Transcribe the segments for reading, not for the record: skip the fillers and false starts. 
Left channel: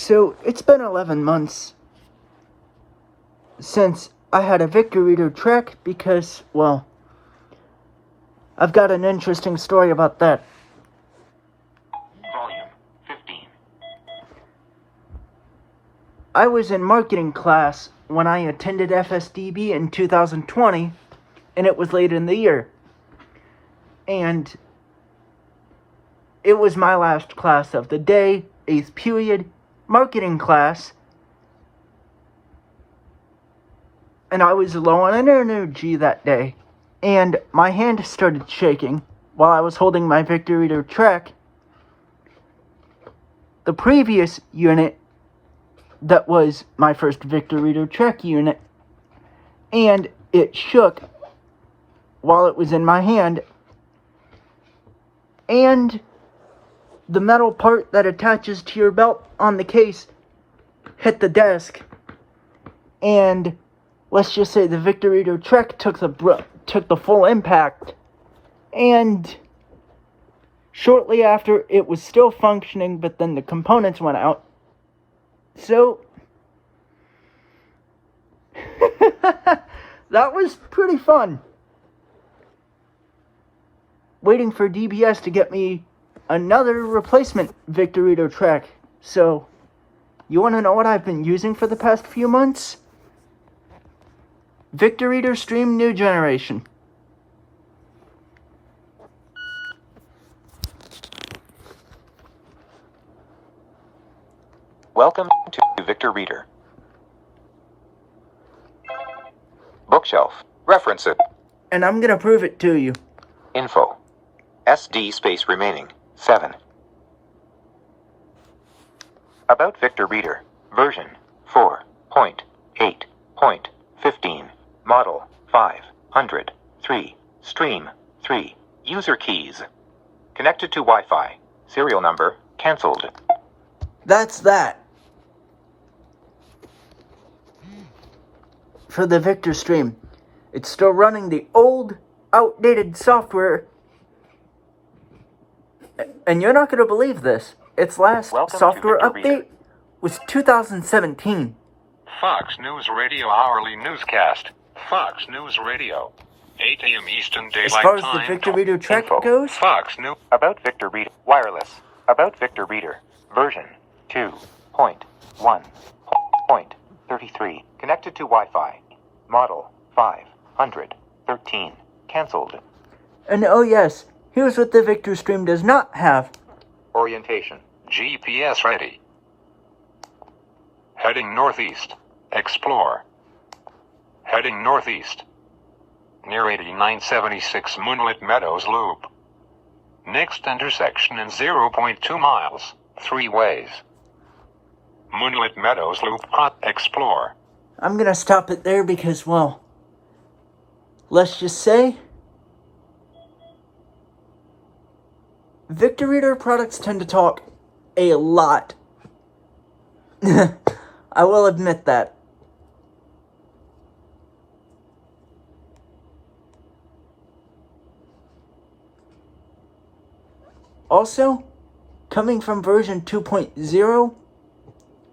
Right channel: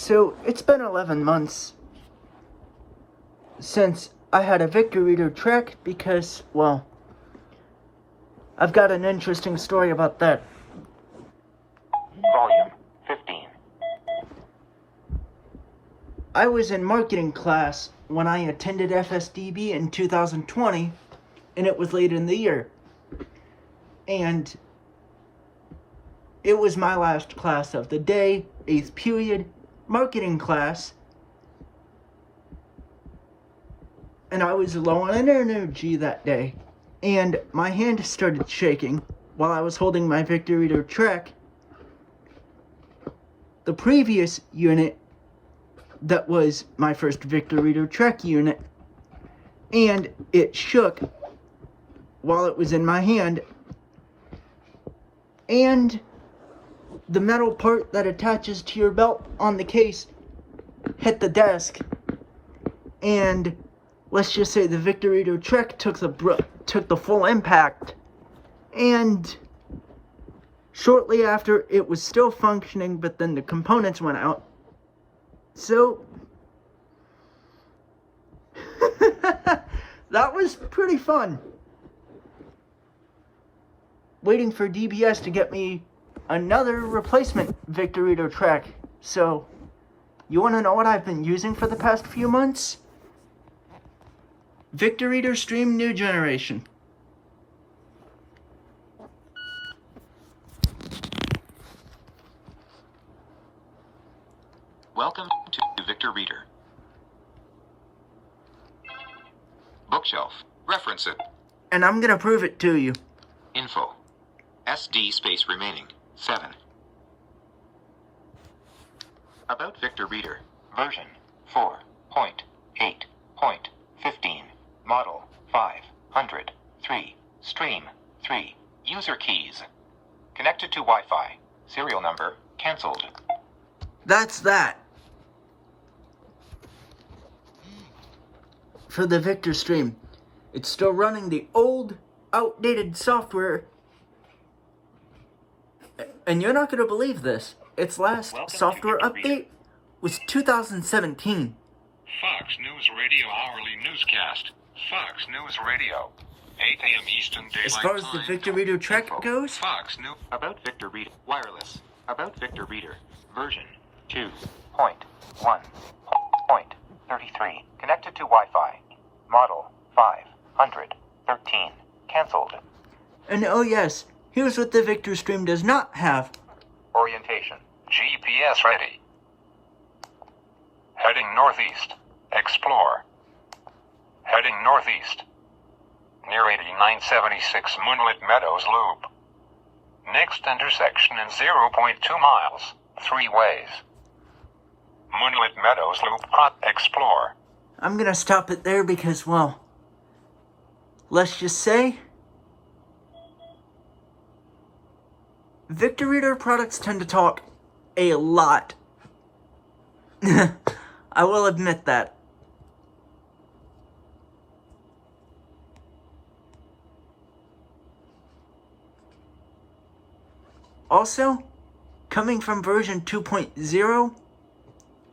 So, it's been 11 months since I had a Victor Reader track because, well, I've got an interesting story about that. Volume 15. I was in marketing class when I attended FSDB in 2020, and it was late in the year. And it was my last class of the day, 8th period, marketing class. And I was low on energy that day. And my hand started shaking while I was holding my Victor Reader track. The previous unit that was my first Victor Reader track unit, and it shook while it was in my hand, and the metal part that attaches to your belt on the case hit the desk, and let's just say the Victor Reader track took the full impact, and shortly after it was still functioning, but then the components went out. So that was pretty fun. Waiting for DBS to get me another replacement Victor Reader track. So, you want to know what I've been using for the past few months? Victor Reader Stream New Generation. Welcome to Victor Reader. Bookshelf. Reference it. And I'm gonna prove it to you. Info. SD space remaining. 7. About Victor Reader. Version 4.8.15. Model 503. Stream 3. User keys. Connected to Wi-Fi. Serial number cancelled. That's that. For the Victor Stream. It's still running the old, outdated software. And you're not going to believe this. Its last software update was 2017. Fox News Radio Hourly Newscast. Fox News Radio. 8 a.m. Eastern Daylight Time. As far as the Victor Reader track goes, Fox News. About Victor Reader. Wireless. About Victor Reader. Version 2.1.33. Connected to Wi-Fi. Model 513. Cancelled. and oh yes, here's what the Victor Stream does not have. Orientation. GPS ready. Heading northeast. Explore. Heading northeast. Near 8976 Moonlit Meadows Loop. Next intersection in 0.2 miles. 3 ways. Moonlit Meadows Loop. Explore. I'm gonna stop it there because, well, let's just say Victor Reader products tend to talk a lot. I will admit that. Also, coming from version 2.0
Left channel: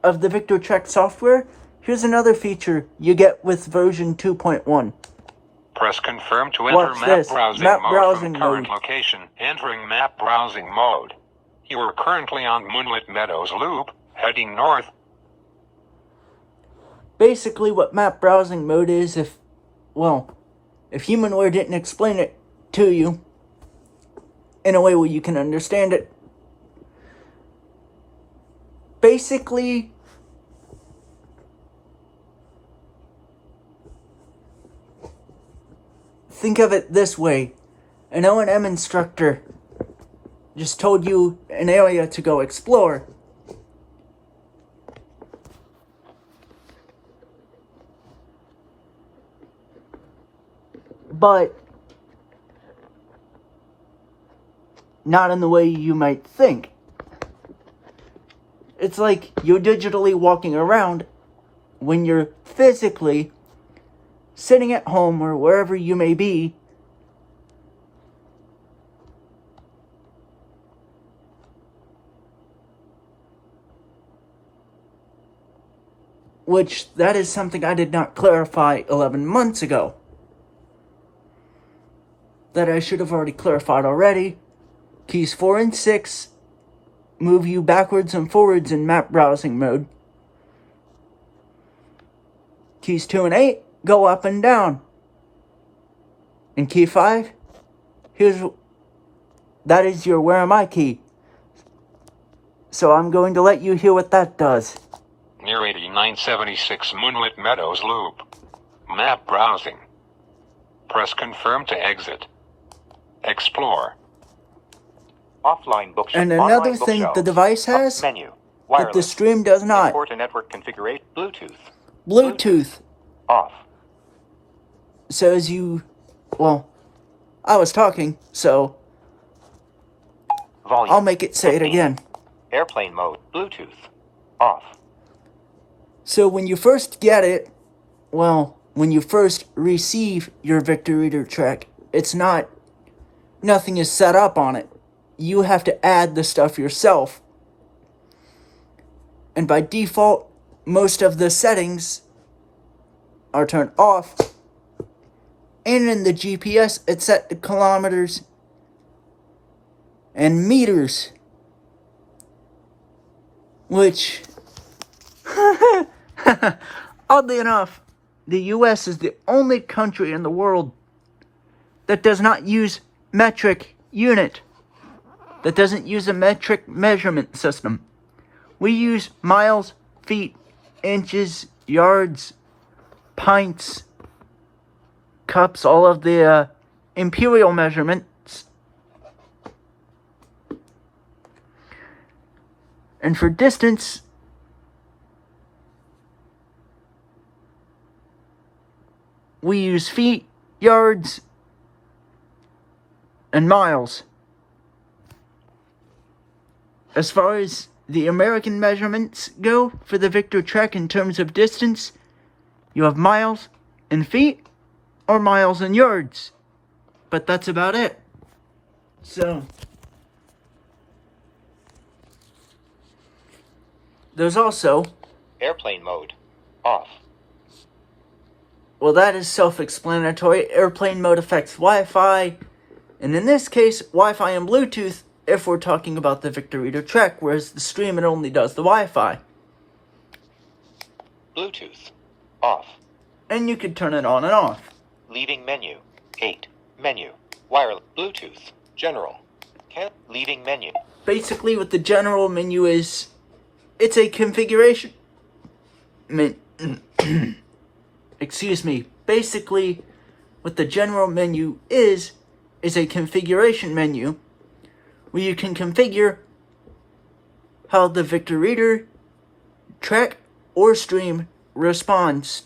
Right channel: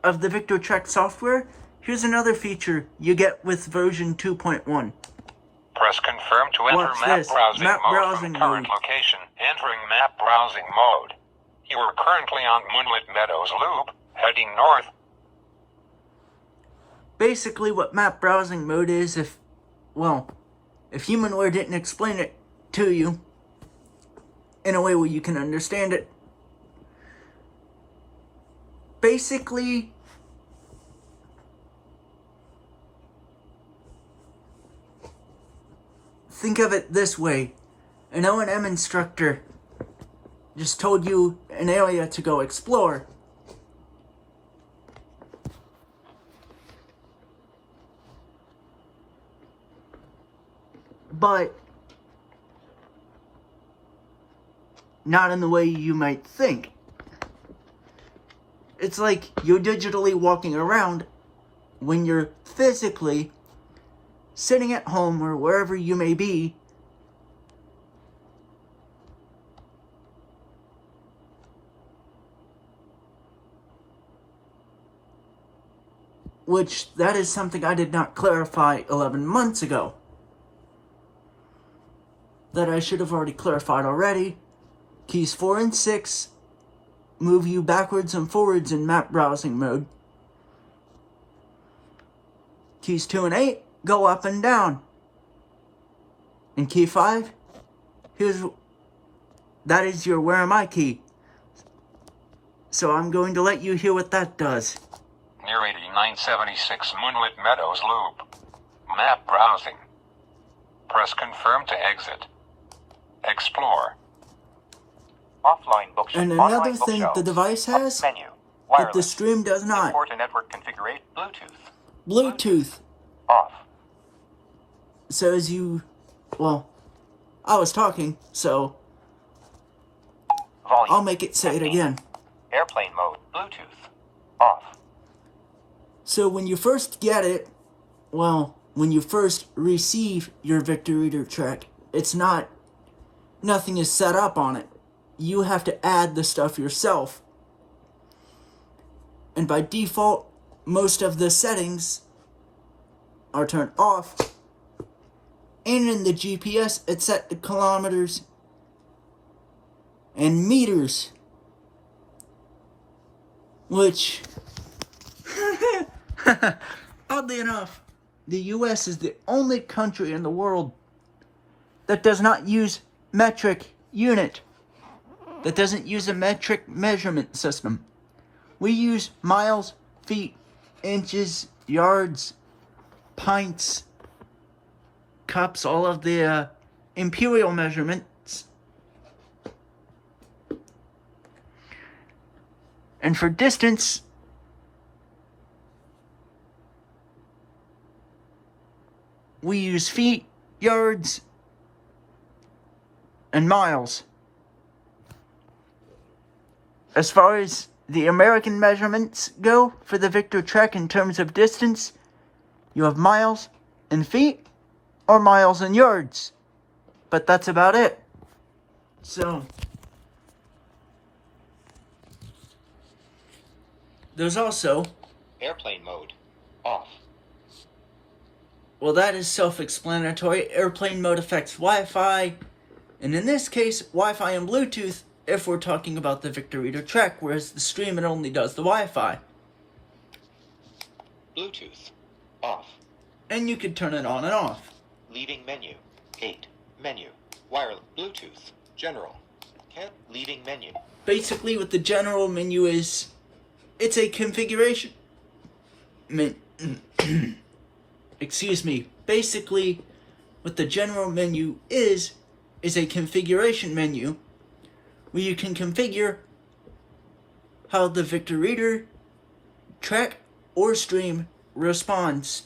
of the Victor Track software, here's another feature you get with version 2.1. Press confirm to Watch this. Map browsing mode. Location. Entering map browsing mode. You are currently on Moonlit Meadows Loop, heading north. Basically what map browsing mode is, if Humanware didn't explain it to you in a way where you can understand it. Basically, think of it this way. An O&M instructor just told you an area to go explore. But not in the way you might think. It's like you're digitally walking around when you're physically sitting at home or wherever you may be, which that is something I did not clarify 11 months ago. That I should have already clarified already. Keys 4 and 6 move you backwards and forwards in map browsing mode. Keys 2 and 8 go up and down. And key 5, that is your where am I key. So I'm going to let you hear what that does. Near 8976 Moonlit Meadows Loop. Map browsing. Press confirm to exit. Explore. Offline bookshelf. And another thing the device has Menu. that the stream does not. Port and network configuration. Bluetooth. Off. So as you, well, I was talking, so Volume. I'll make it say it again. Airplane mode. Bluetooth. Off. So when you first get it, well, when you first receive your Victor Reader Trek, nothing is set up on it. You have to add the stuff yourself. And by default, most of the settings are turned off. And in the GPS, it's set to kilometers and meters. Which, oddly enough, the US is the only country in the world that does not use metric unit. That doesn't use a metric measurement system. We use miles, feet, inches, yards, pints, cups, all of the imperial measurements. And for distance, we use feet, yards, and miles. As far as the American measurements go for the Victor Trek in terms of distance, you have miles and feet or miles and yards. But that's about it. So, there's also, Airplane mode. Off. well, that is self-explanatory. Airplane mode affects Wi-Fi, and in this case, Wi-Fi and Bluetooth if we're talking about the Victor Reader Trek, whereas the stream, it only does the Wi-Fi. Bluetooth. Off. And you could turn it on and off. Leaving menu. 8. Menu. Wireless. Bluetooth. General. Leaving menu. Basically, what the general menu is, it's a configuration. Excuse me. Basically, what the general menu is a configuration menu where you can configure how the Victor Reader Trek or stream responds.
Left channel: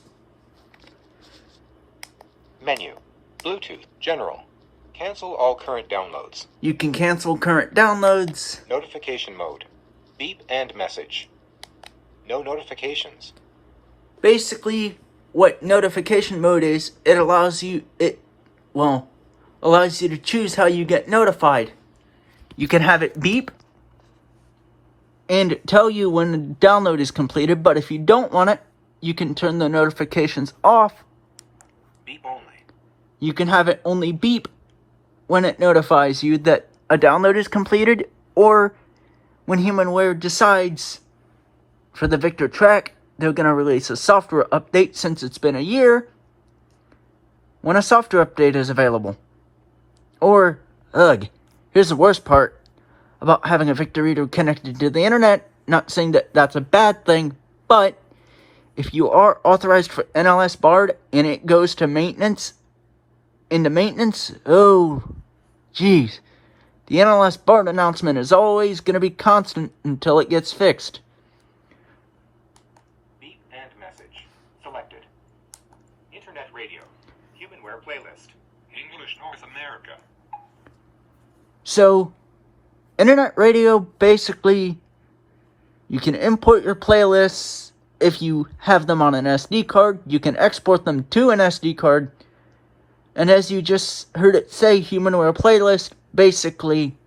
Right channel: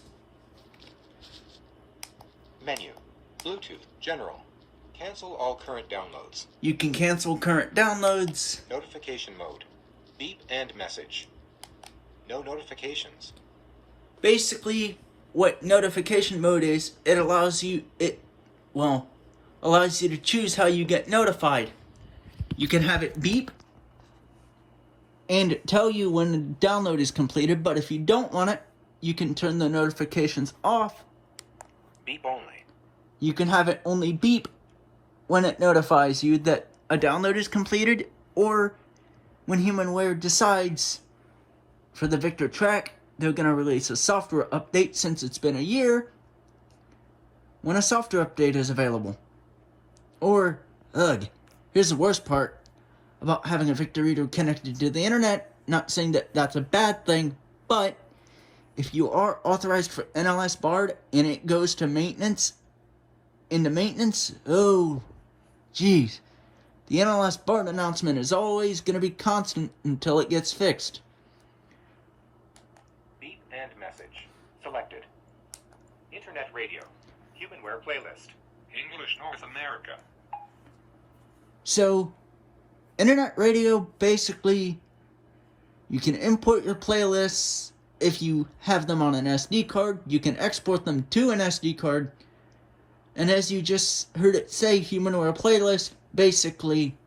Menu. Bluetooth. General. Cancel all current downloads. You can cancel current downloads. Notification mode. Beep and message. No notifications. Basically, what notification mode is, it allows you to choose how you get notified. You can have it beep and tell you when the download is completed, but if you don't want it, you can turn the notifications off. Beep only. You can have it only beep when it notifies you that a download is completed, or when HumanWare decides for the Victor Trek, they're going to release a software update since it's been a year, when a software update is available. Or, here's the worst part about having a Victor Reader connected to the internet. Not saying that that's a bad thing, but if you are authorized for NLS Bard and it goes to maintenance, oh, geez. The NLS Bard announcement is always going to be constant until it gets fixed. Beep and message. Selected. Internet radio. HumanWare playlist. English North America. So, internet radio, basically, you can import your playlists. If you have them on an SD card, you can export them to an SD card. And as you just heard it say, HumanWare playlist, basically,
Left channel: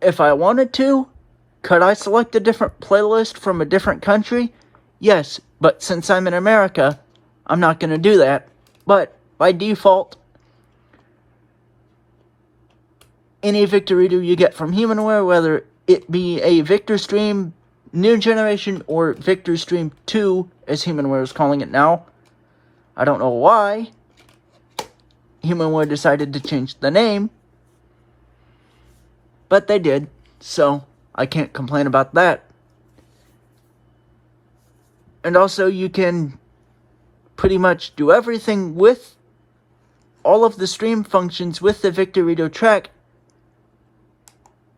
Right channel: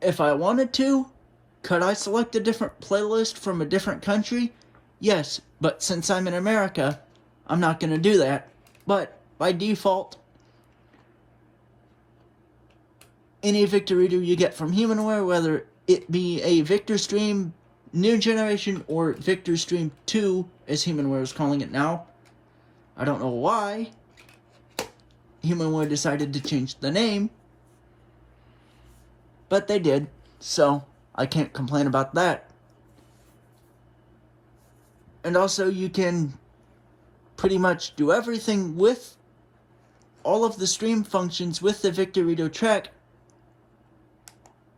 if I wanted to, Could I select a different playlist from a different country? Yes, but since I'm in America, I'm not going to do that. But by default, any Victor Reader you get from Humanware, whether it be a Victor Stream New Generation or Victor Stream 2, as Humanware is calling it now, I don't know why Humanware decided to change the name, but they did, so I can't complain about that. And also, you can pretty much do everything with all of the stream functions with the Victor Reader track.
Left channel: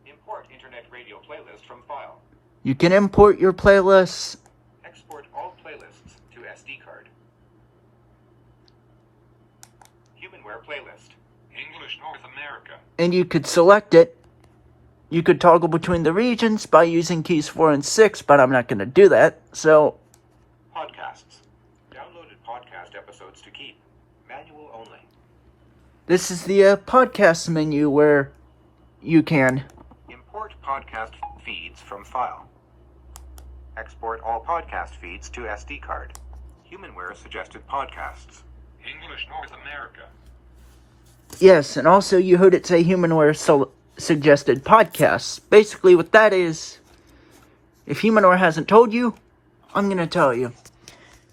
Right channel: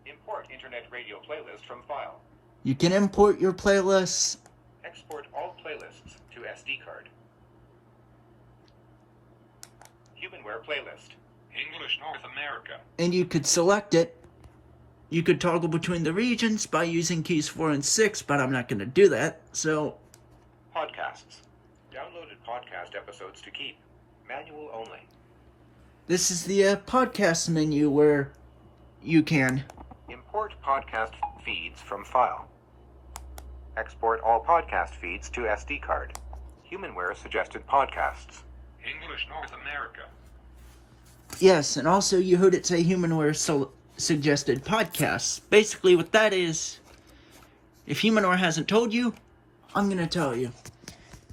Import Internet Radio playlist from file. You can import your playlists. Export all playlists to SD card. Humanware playlist. English North America. And you could select it. You could toggle between the regions by using keys 4 and 6, but I'm not going to do that, so... Podcasts. Downloaded podcast episodes to keep. Manual only. This is the podcast menu where you can Import podcast feeds from file. Export all podcast feeds to SD card. Humanware suggested podcasts. English North America. Yes, and also you heard it say Humanware suggested podcasts. Basically what that is, if Humanware hasn't told you, I'm going to tell you.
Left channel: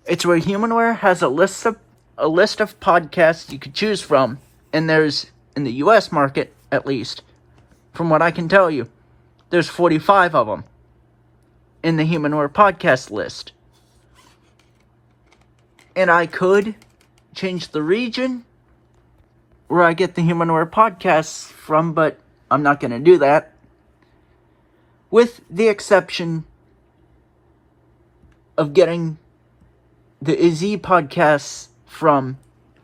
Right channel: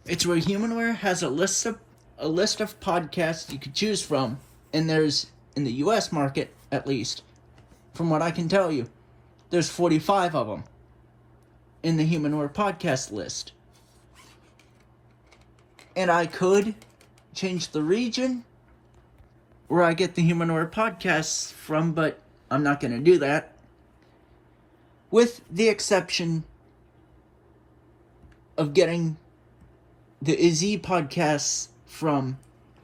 It's where Humanware has a list of podcasts you could choose from, and there's, in the US market at least, from what I can tell you, there's 45 of them in the Humanware podcast list. And I could change the region where I get the Humanware podcasts from, but I'm not going to do that. With the exception of getting the Izzy podcasts from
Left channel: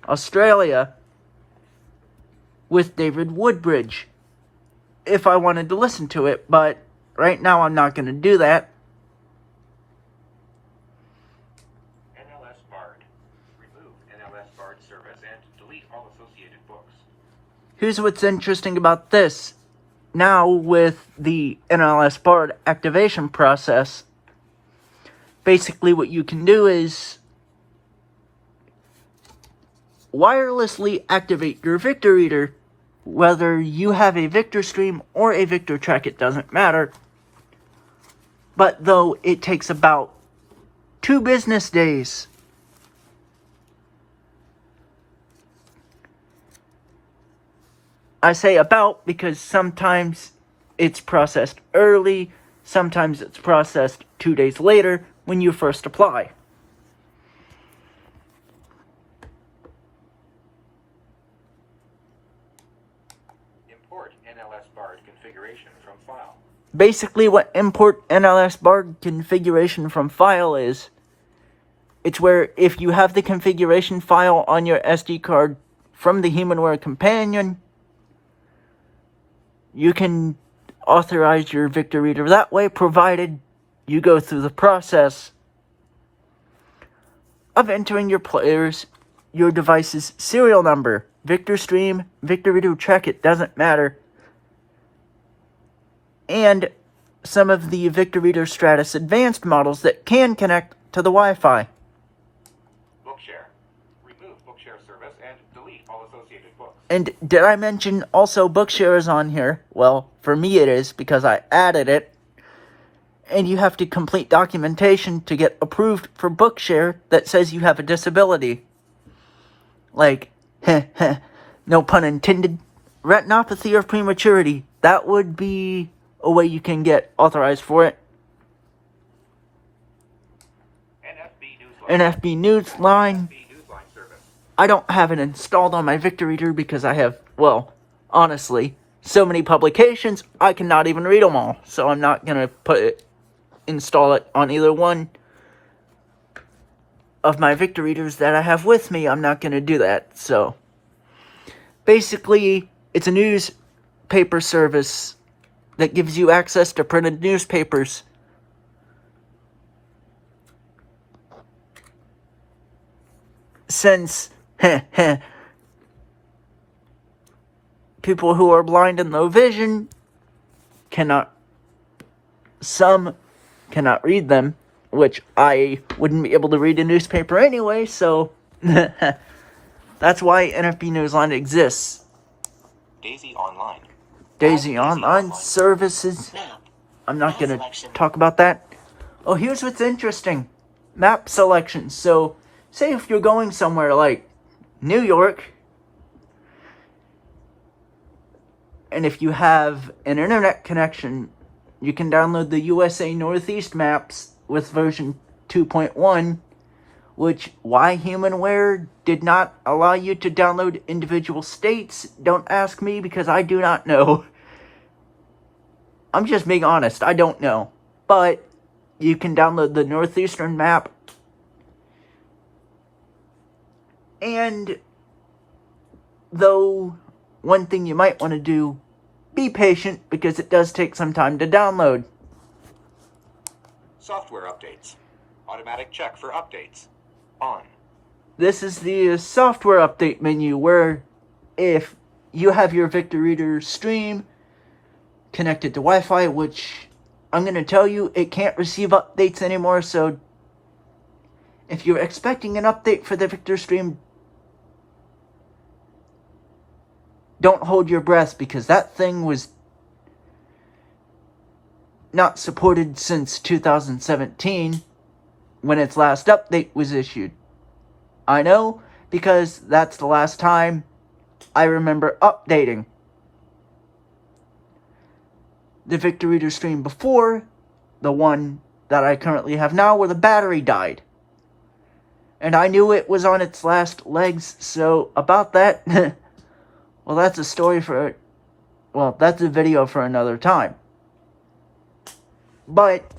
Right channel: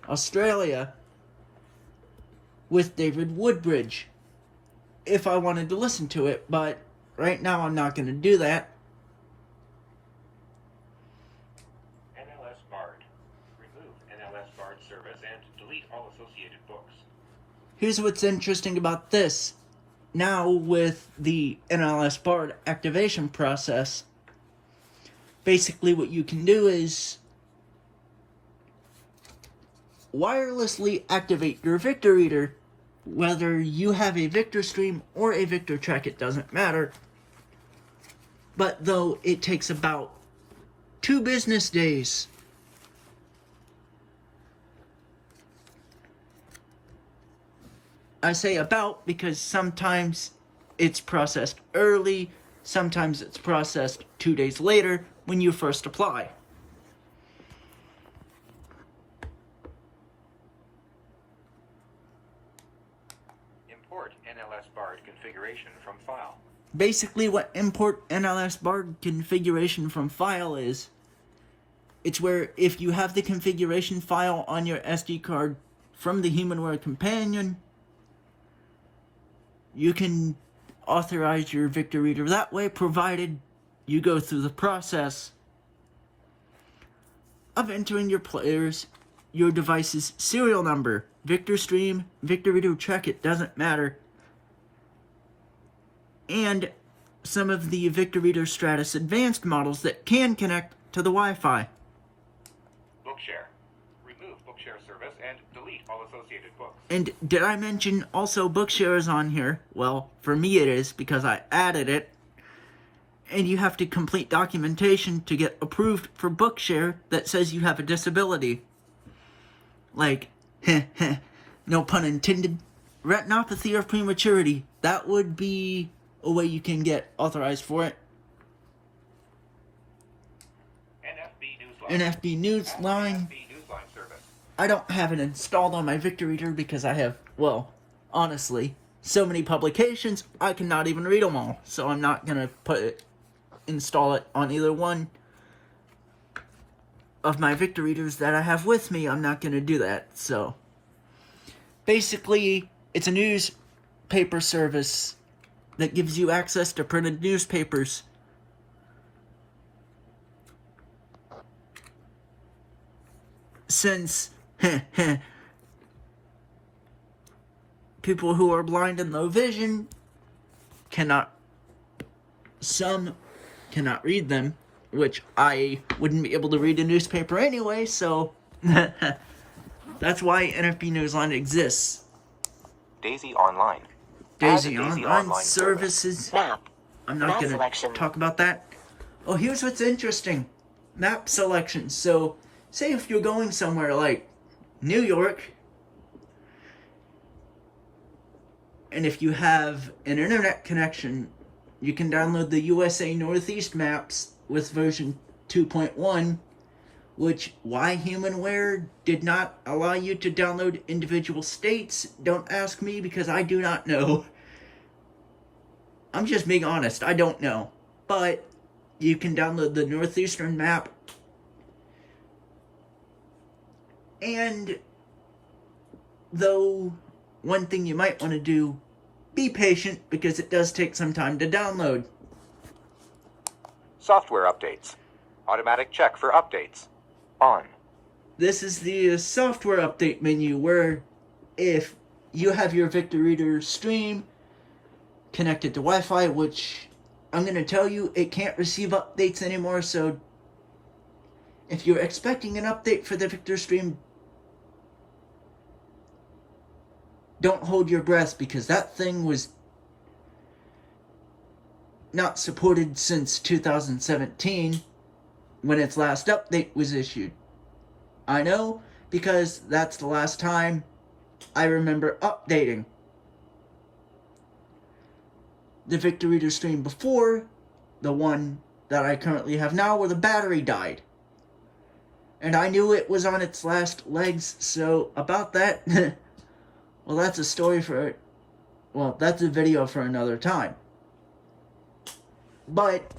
Australia with David Woodbridge, if I wanted to listen to it, but right now I'm not going to do that. NLS Bard. Remove NLS Bard service and delete all associated books. Here's what's interesting about this. Now with the NLS Bard activation process, basically what you can do is wirelessly activate your Victor Reader, whether you have a Victor Stream or a Victor Track, it doesn't matter. But though it takes about 2 business days. I say about because sometimes it's processed early, sometimes it's processed 2 days later when you first apply. Import NLS Bard configuration from file. Basically what import NLS Bard configuration from file is, it's where if you have the configuration file on your SD card from the Humanware companion, you can authorize your Victor Reader that way, provided you go through the process of entering your player's, your device's serial number. Victor Stream, Victor Reader Track, it doesn't matter. And some of the Victor Reader Stratus Advanced models that can connect to the Wi-Fi. Bookshare. Remove Bookshare service and delete all associated books. And did I mention also Bookshare is on here? Well, for me it is because I added it. And you have to complete documentation to get approved for Bookshare that says you have a disability. Like, no pun intended, retinopathy or prematurity. That would be a way you can get authorized for it. NFB Newsline. Service. I don't have it installed on my Victor Reader because I have, well, honestly, so many publications, I cannot even read them all. So I'm not going to install it on either one of my Victor Readers that I have with me. I'm not going to do that. So basically, it's a newspaper service that gives you access to printed newspapers. Since people who are blind and low vision cannot Some cannot read them, which I wouldn't be able to read a newspaper anyway, so that's why NFB Newsline exists. Daisy Online. Daisy Add Online services. Map. I'm not Map going to selection. talk about that. Oh, here's what's interesting. Map selection. So, say if you're going somewhere like New York, and if you have an internet connection, you can download the USA Northeast maps with version 2.1, which why Humanware did not allow you to download individual states, don't ask me because I do not know. I'm just being honest, I don't know. But you can download the Northeastern map. And though one thing you might want to do, be patient because it does take some time to download. Software updates. Automatic check for updates. On. This is the software update menu where if you have your Victor Reader stream connected to Wi-Fi, which I'm going to tell you it can't receive updates anymore, so if you're expecting an update for the Victor stream, don't hold your breath because that thing was not supported since 2017 when its last update was issued. I know because that's the last time I remember updating the Victor Reader stream before the one that I currently have now where the battery died. And I knew it was on its last legs, so about that, well, that's a story for, well, that's a video for another time. But,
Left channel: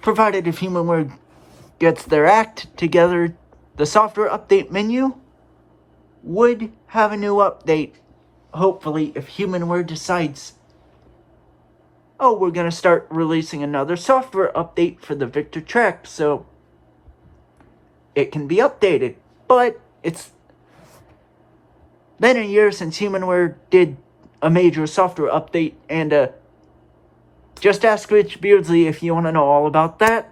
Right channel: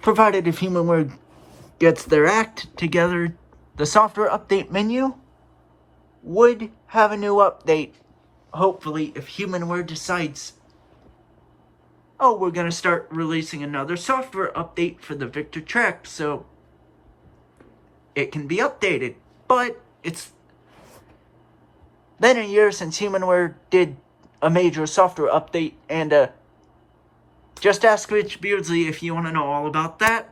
provided if Humanware gets their act together, the software update menu would have a new update, hopefully, if Humanware decides, oh, we're going to start releasing another software update for the Victor Track, so it can be updated. But it's been a year since Humanware did a major software update, and just ask Rich Beardsley if you want to know all about that.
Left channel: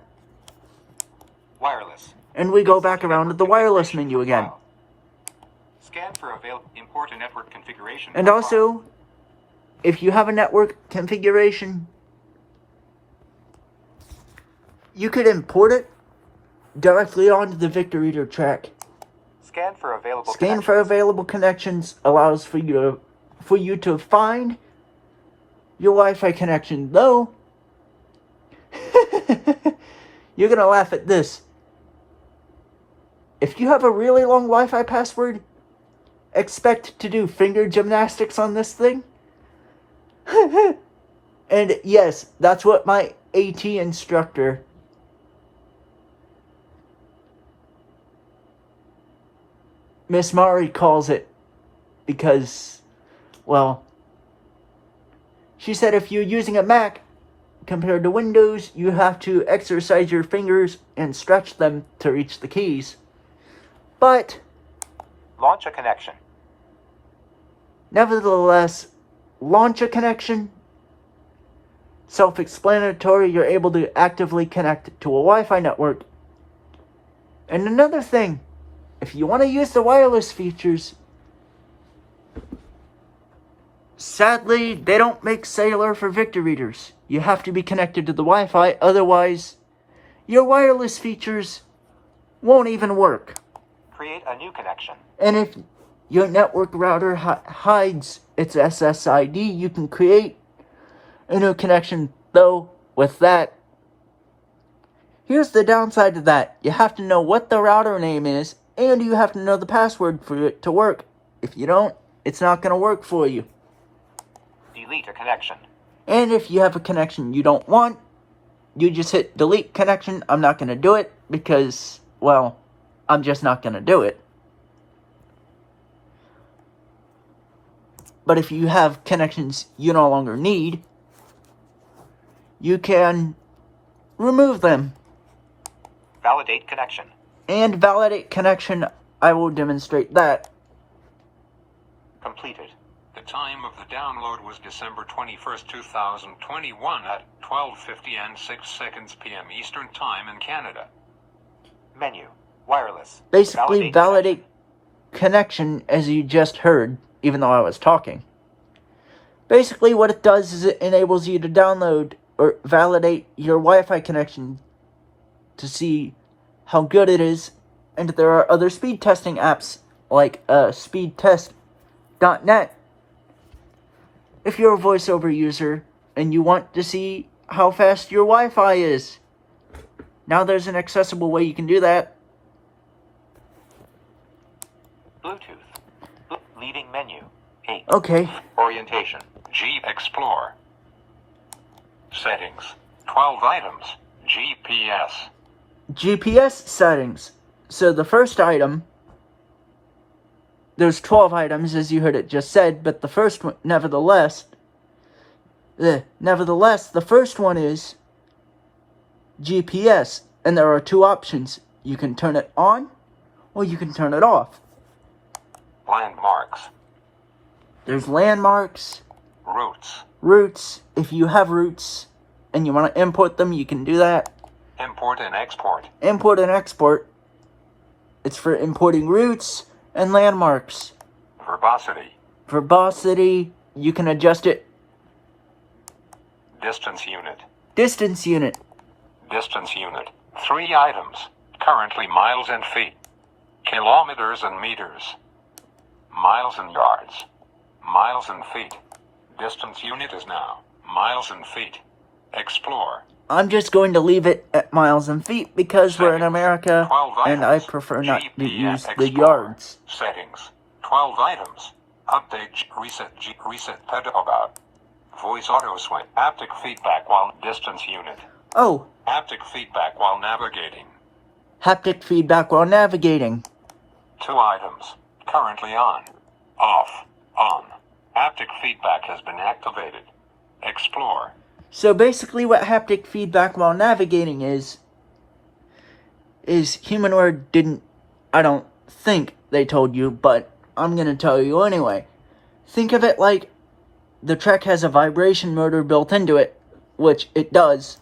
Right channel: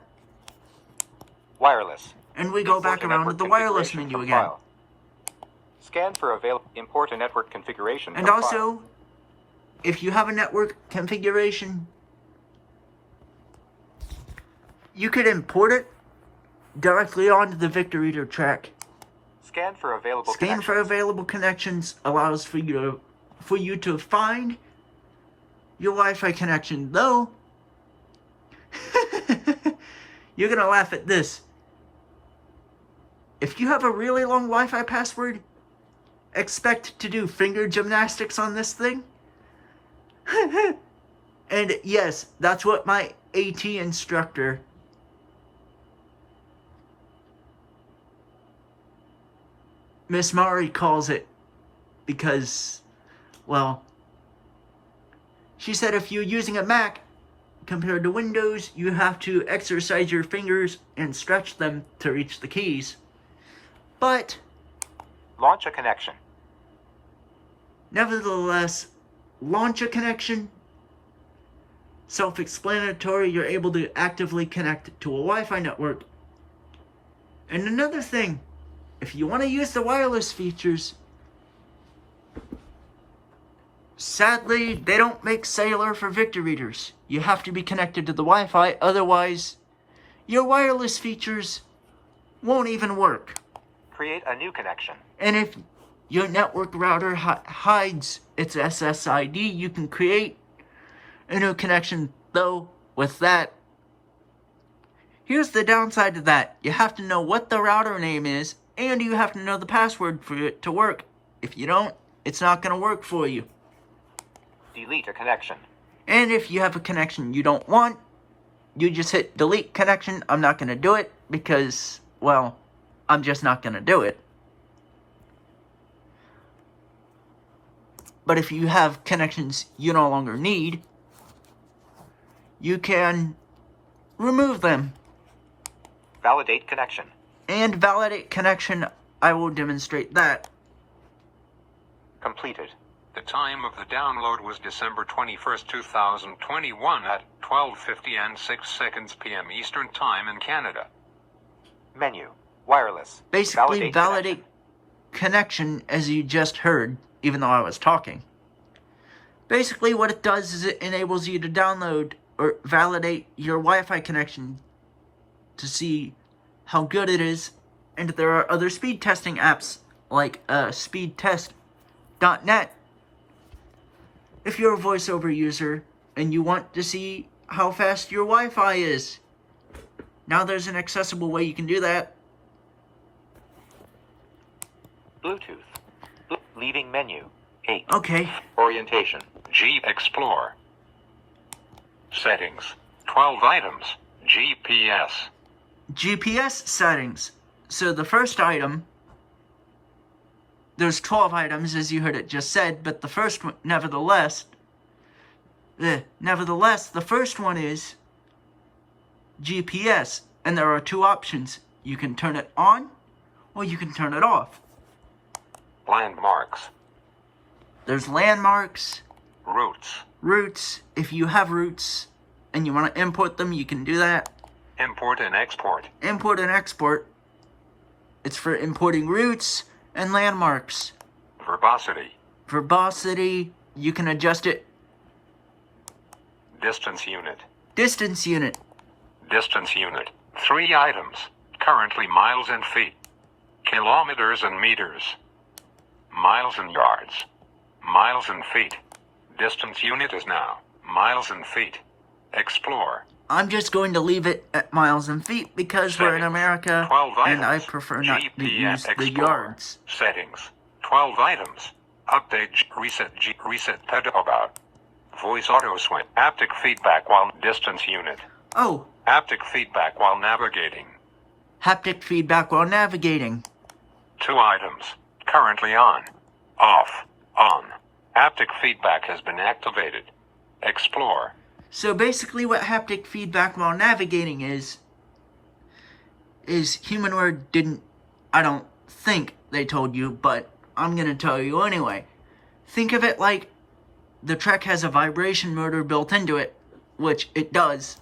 Wireless. And we go back around to the wireless menu again. File. Scan for available. Import a network configuration. And from also, file. if you have a network configuration, you could import it directly onto the Victor Reader track. Scan for available. Scan for available connections allows for you to find your Wi-Fi connection, though you're gonna laugh at this. If you have a really long Wi-Fi password, expect to do finger gymnastics on this thing. And yes, that's what my AT instructor Miss Mari calls it, because, well, she said if you're using a Mac compared to Windows, you have to exercise your fingers and stretch them to reach the keys. But Launch a connection. nevertheless, launch a connection. Self-explanatory, you're able to actively connect to a Wi-Fi network. And another thing, if you want to use the wireless features, sadly, they don't make cellular for Victor Readers. You have to be connected to the Wi-Fi, otherwise your wireless features won't even work. Create a new connection. And if your network router hides its SSID, you can create a new connection. Though, with that, here's the downside to that. You have to know what the router name is, and you have to know the password for it to work. If you don't, it's not going to work for you. Delete a connection. And if you have a connection you don't want, you just hit delete connection. I'm not going to do it because, well, I'm just not going to do it. But if you have connections you no longer need, you can remove them. Validate connection. And validate connection, I will demonstrate that. Completed. The time of the download was December 21st, 2021 at 12:50 and 6 seconds p.m. Eastern Time in Canada. Menu. Wireless. Basically, validate connection, as you just heard, even though I was talking. Basically, what it does is it enables you to download or validate your Wi-Fi connection to see how good it is. And there are other speed testing apps like speedtest.net. If you're a voiceover user and you want to see how fast your Wi-Fi is, now there's an accessible way you can do that. Bluetooth. Leaving menu. 8. Okay. Orientation. G Explore. Settings. 12 items. GPS. GPS settings. So the first item, there's 12 items as you heard it just said, but the first one, nevertheless, the first one is GPS, and there are two options. You can turn it on, or you can turn it off. Landmarks. There's landmarks, Routes. if you have routes, and you want to import them, you can do that. Import and export. Import and export. It's for importing routes and landmarks. Verbosity. Verbosity, you can adjust it. Distance unit. Distance unit. Distance unit. 3 items. Currently miles and feet. Kilometers and meters. Miles and yards. Miles and feet. Distance unit is now miles and feet. Explore. I'm just going to leave it at miles and feet because we're in Settings. America 12 and I items. prefer not to GPS use the Explorer. yards. Settings. 12 items. Update. Reset. About. Voice auto switch. Haptic feedback while distance unit. Oh, Haptic feedback while navigating. haptic feedback while navigating. 2 items. Currently on. Off. On. Haptic feedback has been activated. Explore. So basically what haptic feedback while navigating is Humanoid didn't, I don't think they told you, but I'm going to tell you anyway. Think of it like the Trek has a vibration motor built into it, which it does.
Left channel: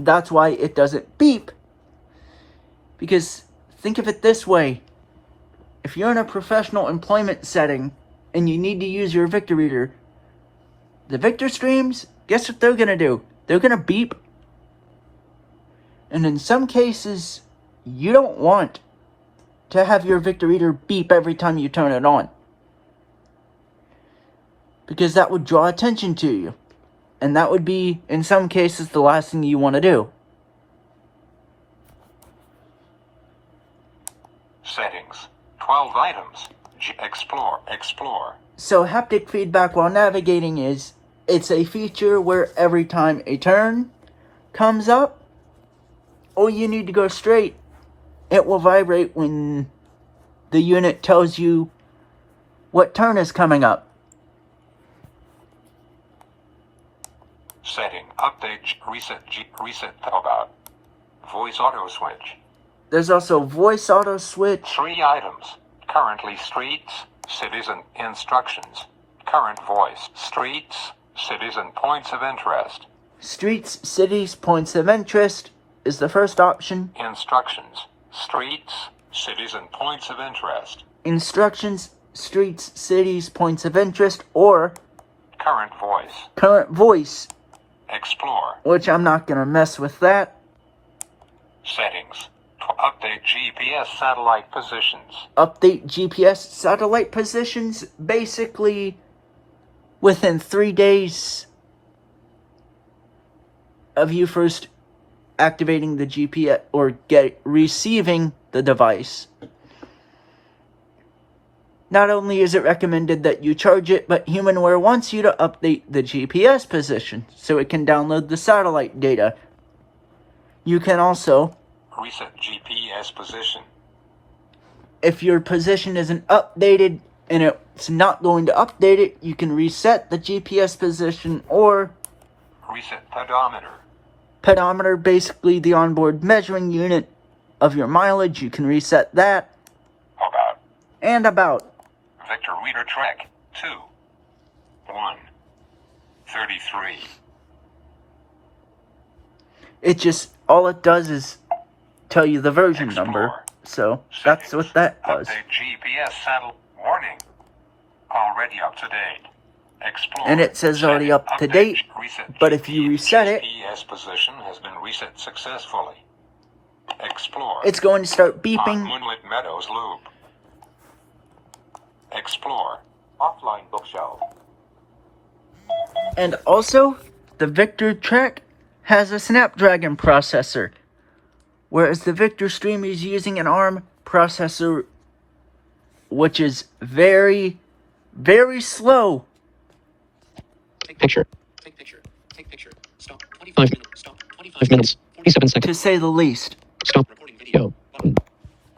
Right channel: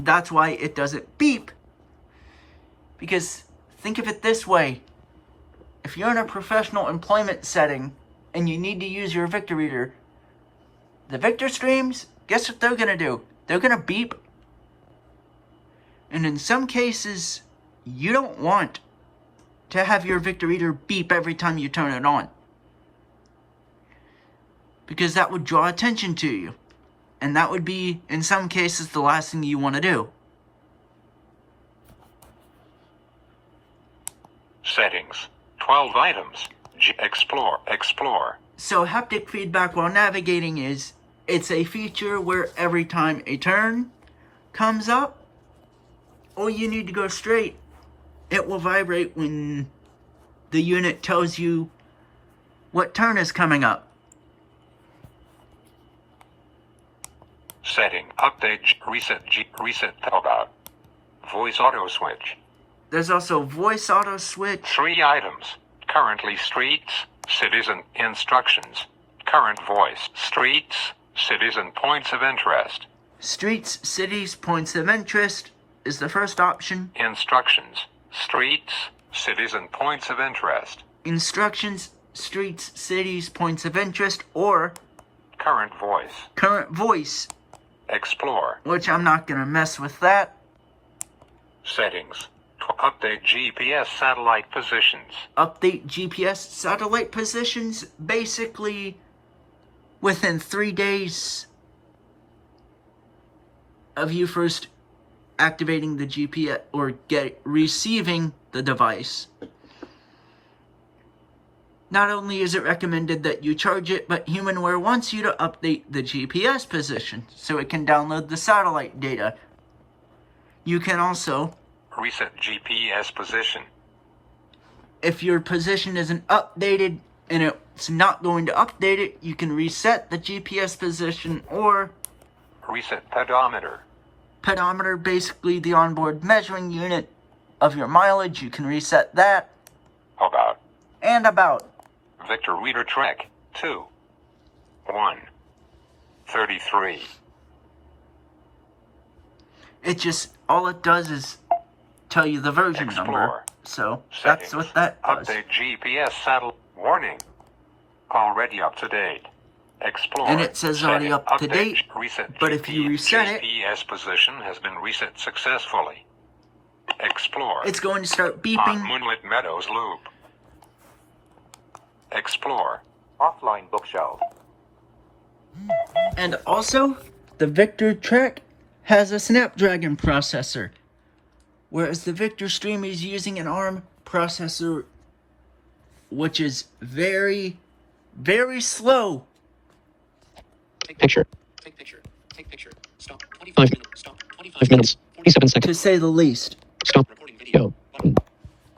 That's why it doesn't beep. Because think of it this way. If you're in a professional employment setting and you need to use your Victor reader, the Victor streams, guess what they're going to do? They're going to beep. And in some cases, you don't want to have your Victor reader beep every time you turn it on. Because that would draw attention to you. And that would be, in some cases, the last thing you want to do. Settings. 12 items. Explore. So haptic feedback while navigating it's a feature where every time a turn comes up, or you need to go straight, it will vibrate when the unit tells you what turn is coming up. Setting. Update. Reset. About. Voice auto switch. There's also voice auto switch. 3 items. Currently streets, cities and instructions. Current voice. Streets, cities and points of interest. Streets, cities, points of interest is the first option. Instructions. Streets, cities and points of interest. Instructions, streets, cities, points of interest, or Current voice. current voice, Explore. which I'm not going to mess with that. Settings. Update GPS satellite positions. Update GPS satellite positions, basically within 3 days of you first activating the GPS or receiving the device. Not only is it recommended that you charge it, but Humanware wants you to update the GPS position so it can download the satellite data. You can also, Reset GPS position. if your position isn't updated and it's not going to update it, you can reset the GPS position, or Reset pedometer. pedometer, basically the onboard measuring unit of your mileage. You can reset that. About. And about. Victor Reader Trek 2. 1. 33. It just, all it does is tell you the version number. Explore. So, that's what that does. Update GPS satellite. Warning. Already up to date. Explore. And it says already up to date, Reset but if you reset it, GPS position has been reset successfully. Explore. it's going to start On beeping. Moonlit Meadows Loop. Explore. Offline bookshelf. And also, the Victor track has a Snapdragon processor, whereas the Victor Stream is using an ARM processor, which is very, very slow. Take picture. Take picture. Take picture. Stop. 25 minutes. Stop. 25 minutes. 47 seconds. To say the least. Stop. Recording video. Button.